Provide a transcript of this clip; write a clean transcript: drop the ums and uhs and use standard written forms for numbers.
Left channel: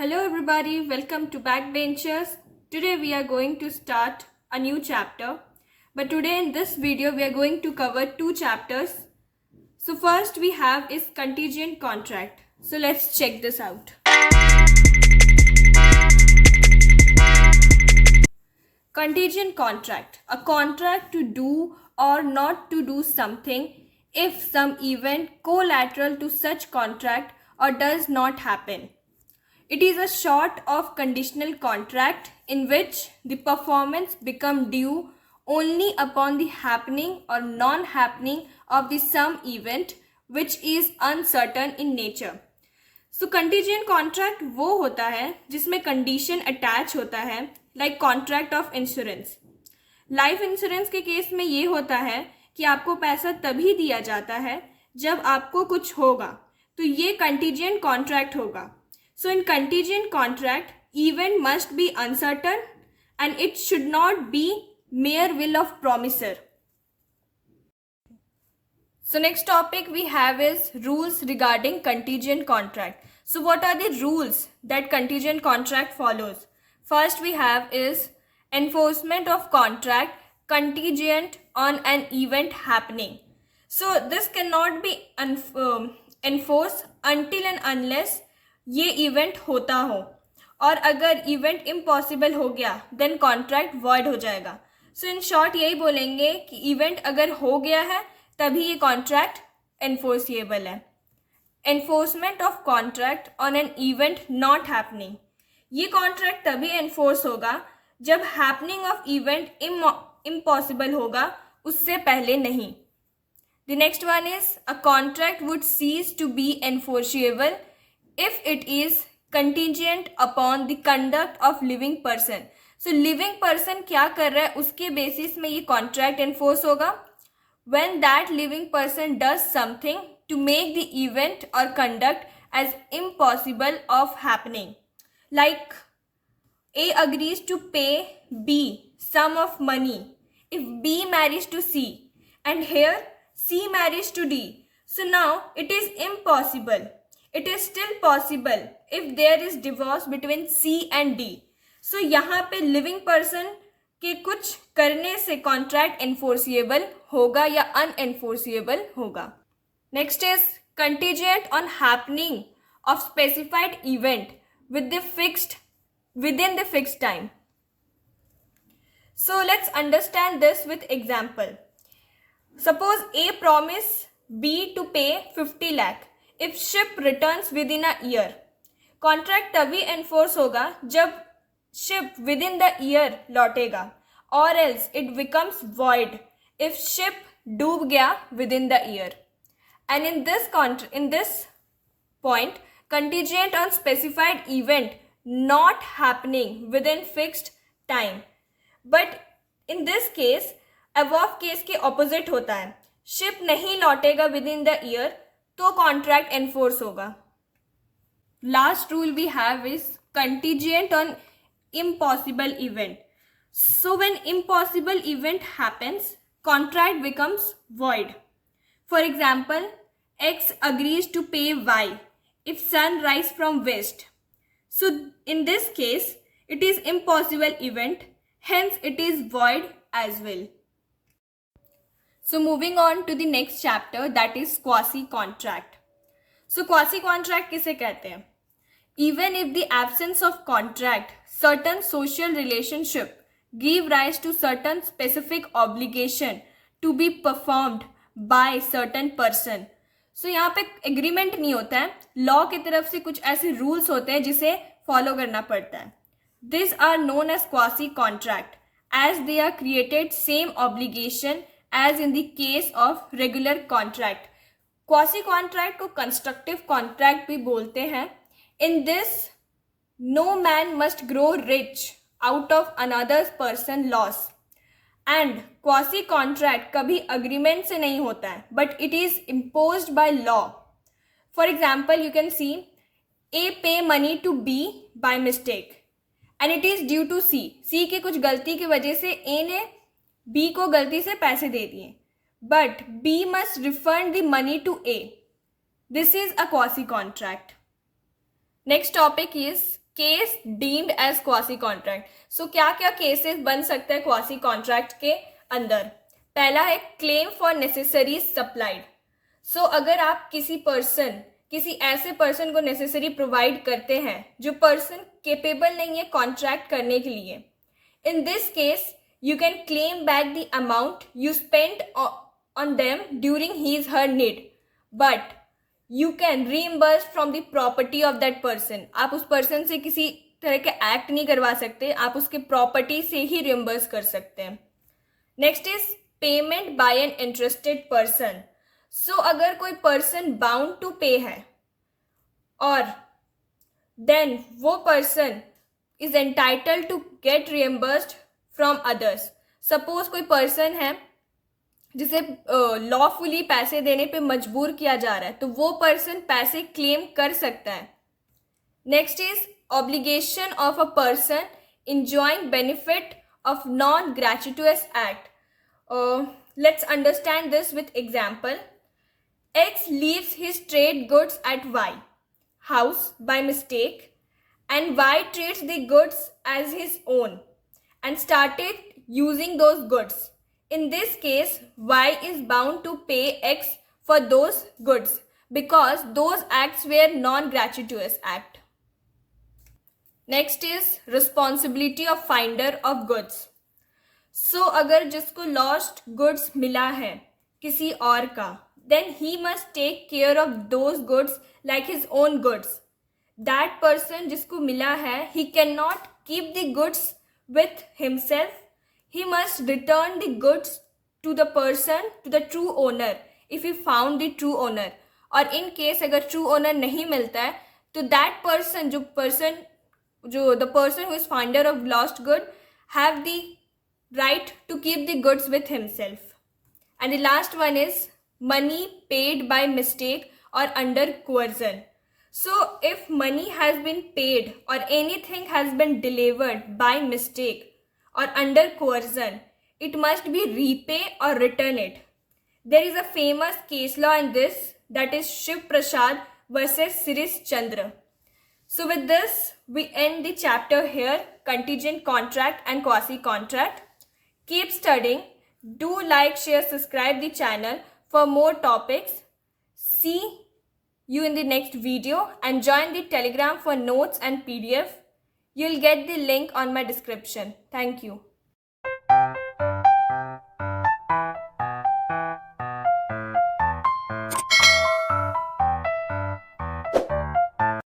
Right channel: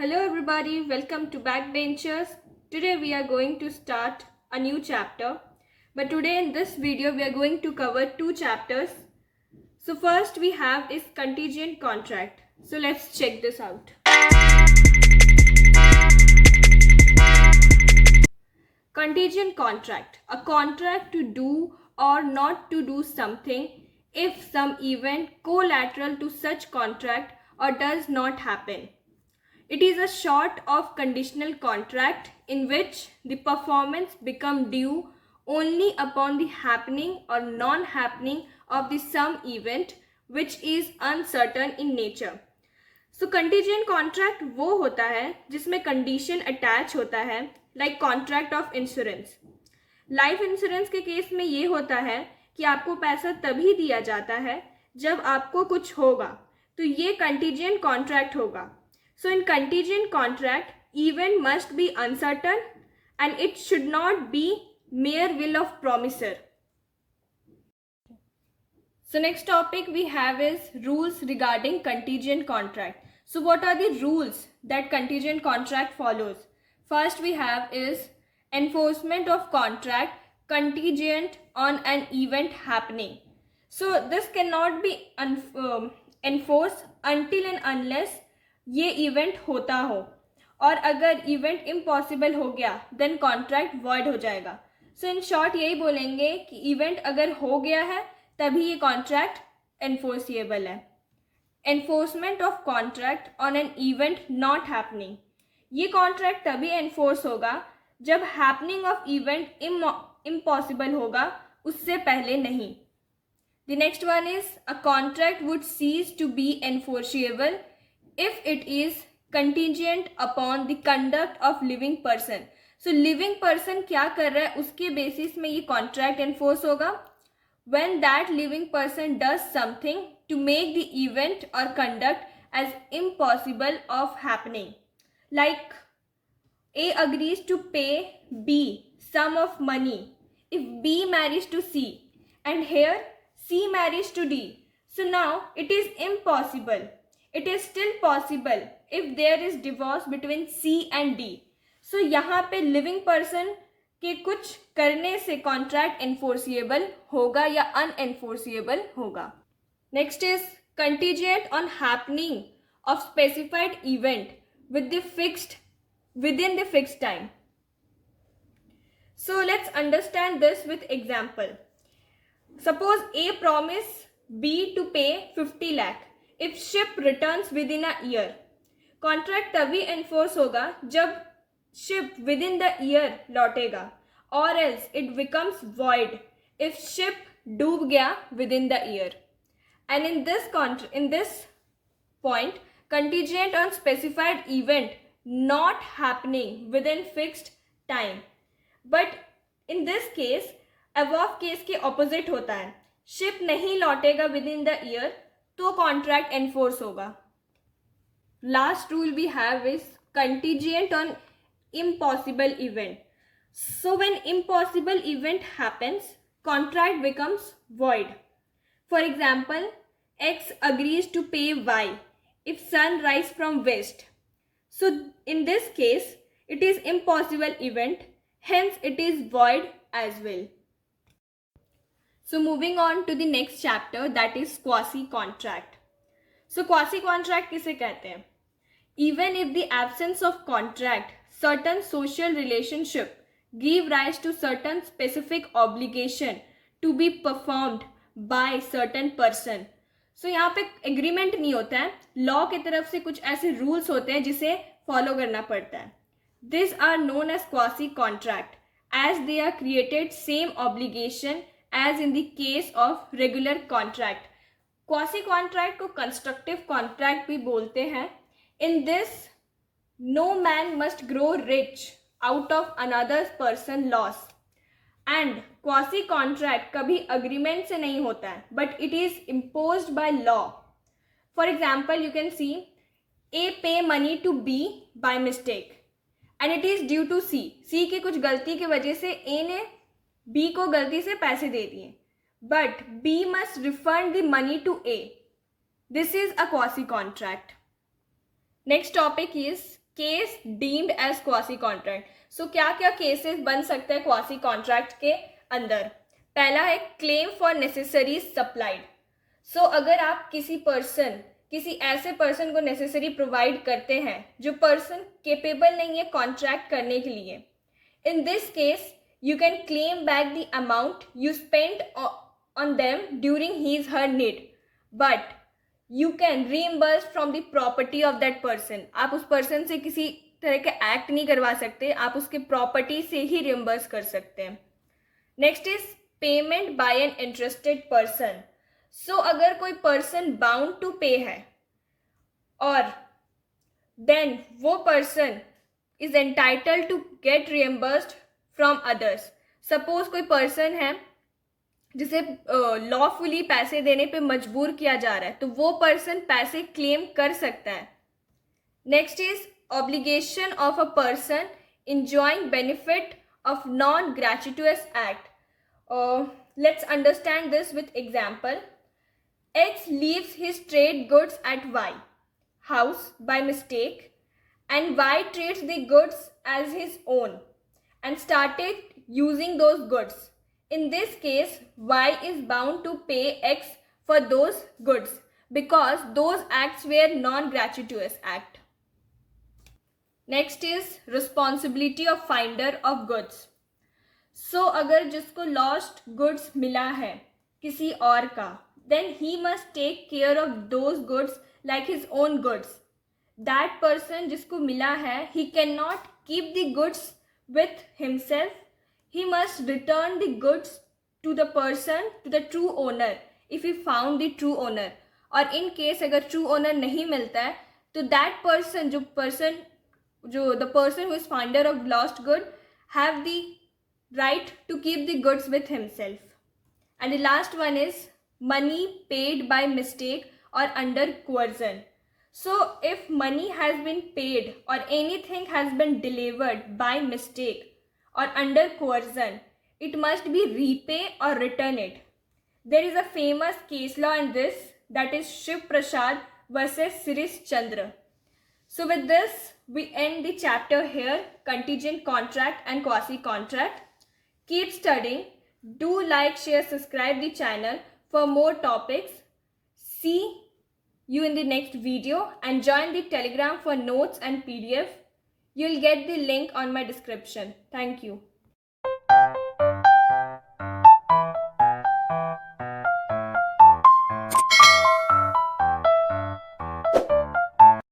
Hello everybody, welcome to Backbenchers. Today we are going to start a new chapter. But today in this video we are going to cover two chapters. So first we have is contingent contract. So let's check this out. Contingent contract, a contract to do or not to do something if some event collateral to such contract or does not happen. It is a sort of conditional contract in which the performance become due only upon the happening or non-happening of the some event which is uncertain in nature. So contingent contract वो होता है जिसमें condition attach होता है like contract of insurance. Life insurance के case में ये होता है कि आपको पैसा तभी दिया जाता है जब आपको कुछ होगा, तो ये कंटीजेंट कॉन्ट्रैक्ट होगा. So in contingent contract, event must be uncertain and it should not be mere will of promisor. So next topic we have is rules regarding contingent contract. So what are the rules that contingent contract follows? First we have is enforcement of contract contingent on an event happening. So this cannot be enforced until and unless ये event होता हो, और अगर event impossible हो गया then contract void हो जाएगा. सो in short यही बोलेंगे कि इवेंट अगर हो गया है तभी ये कॉन्ट्रैक्ट एनफोर्सिएबल है. Enforcement of contract on an event not happening, ये कॉन्ट्रैक्ट तभी एनफोर्स होगा जब हैपनिंग ऑफ इवेंट इम्पॉसिबल होगा, उससे पहले नहीं. The next one is a contract would cease to be enforceable if it is contingent upon the conduct of living person. So living person क्या कर रहा है उसके बेसिस में ये contract enforce होगा when that living person does something to make the event or conduct as impossible of happening. Like A agrees to pay B sum of money if B marries to C, and here C marries to D. So now it is impossible. It is still possible if there is divorce between C and D. So यहाँ पे living person के कुछ करने से contract enforceable होगा या unenforceable होगा. Next is contingent on happening of specified event within the fixed time. So let's understand this with example. Suppose A promise B to pay 50 lakh if ship returns within a year. Contract तभी enforce होगा जब ship within the year लौटेगा, or else it becomes void if ship डूब गया within the year. And in this point, contingent on specified event not happening within fixed time. But in this case, above case के opposite होता है. Ship नहीं लौटेगा within the year तो contract enforce होगा. Last rule we have is contingent on impossible event. So when impossible event happens contract becomes void. For example X agrees to pay Y if sun rise from west. So in this case it is impossible event, hence it is void as well. So moving on to the next chapter, that is quasi contract. So quasi contract किसे कहते हैं? Even if the absence of contract, certain social relationship give rise to certain specific obligation to be performed by certain person. So यहाँ पे agreement नहीं होता है, law की तरफ से कुछ ऐसे rules होते हैं जिसे follow करना पड़ता है. These are known as quasi contract as they are created same obligation as in the case of regular contract. Quasi contract को constructive contract भी बोलते हैं. In this, no man must grow rich out of another person loss. And quasi contract कभी agreement से नहीं होता है, but it is imposed by law. For example, you can see A pay money to B by mistake, and it is due to C. C की कुछ गलती की वजह से A ने B को गलती से पैसे दे दिए, but B must refund the money to A. This is a quasi contract. Next topic is case deemed as quasi contract. So क्या क्या केसेस बन सकते हैं क्वासी कॉन्ट्रैक्ट के अंदर? पहला है क्लेम फॉर नेसेसरीज सप्लाइड. सो अगर आप किसी ऐसे पर्सन को नेसेसरी प्रोवाइड करते हैं जो पर्सन केपेबल नहीं है कॉन्ट्रैक्ट करने के लिए, इन this case you can claim back the amount you spent on them during his her need, but you can reimburse from the property of that person. आप उस पर्सन से किसी तरह के एक्ट नहीं करवा सकते, आप उसके प्रॉपर्टी से ही रिम्बर्स कर सकते हैं. Next is payment by an interested person. So अगर कोई पर्सन बाउंड टू पे है और देन वो person is entitled to get reimbursed from others. Suppose कोई पर्सन है जिसे लॉफुली पैसे देने पे मजबूर किया जा रहा है, तो वो पर्सन पैसे क्लेम कर सकता है. Next is obligation of a person enjoying benefit of non-gratuitous act. Let's understand this with example. X leaves his trade goods at Y house by mistake, and Y treats the goods as his own and started using those goods. In this case, Y is bound to pay X for those goods because those acts were non-gratuitous act. Next is responsibility of finder of goods. So अगर जिसको lost goods मिला है किसी और का, then he must take care of those goods like his own goods. That person जिसको मिला है, he cannot keep the goods with himself. He must return the goods to the person, to the true owner, if he found the true owner. और in case अगर true owner नहीं मिलता है, तो that person the person who is finder of lost good have the right to keep the goods with himself. And the last one is money paid by mistake or under coercion. So if money has been paid or anything has been delivered by mistake or under coercion, it must be repay or return it. There is a famous case law in this, that is Shiv Prasad versus Sirish Chandra. So with this, we end the chapter here, contingent contract and quasi contract. Keep studying. Do like, share, subscribe the channel for more topics. See you in the next video and join the Telegram for notes and PDF. You'll get the link on my description. Thank you.